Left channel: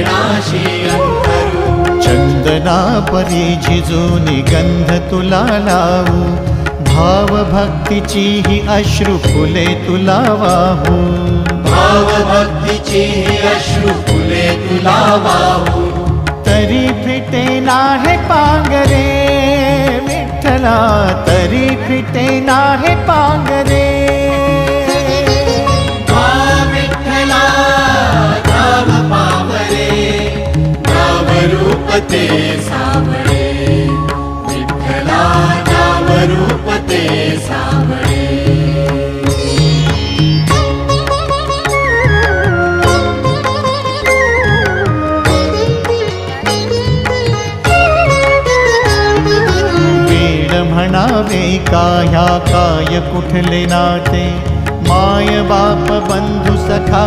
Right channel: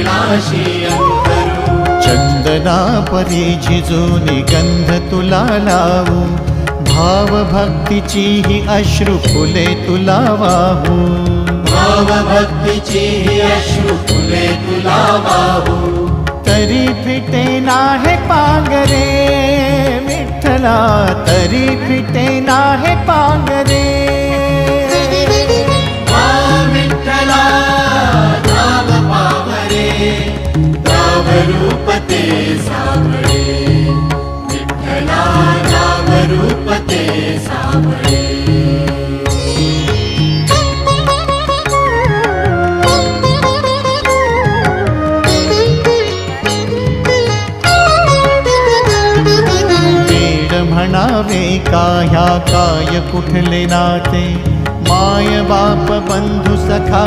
चरणाशी अंतरू। चंदना परी झिजूनी गंध तुला लावू, भाव भक्तीची ही अश्रु फुले तुला वाहू। भाव भक्तीची ही अश्रु फुले तुला वाहू। तरी फिटे नाहे पांगरे विठ्ठला, तरी फिटे नाहे पांगरे। विठ्ठला नाव पावरे, नाव रूप ते सावळे। विठ्ठला नाव रूप ते सावळे। म्हणावे का ह्या काय कुठले नाते, माय बाप बंधू सखा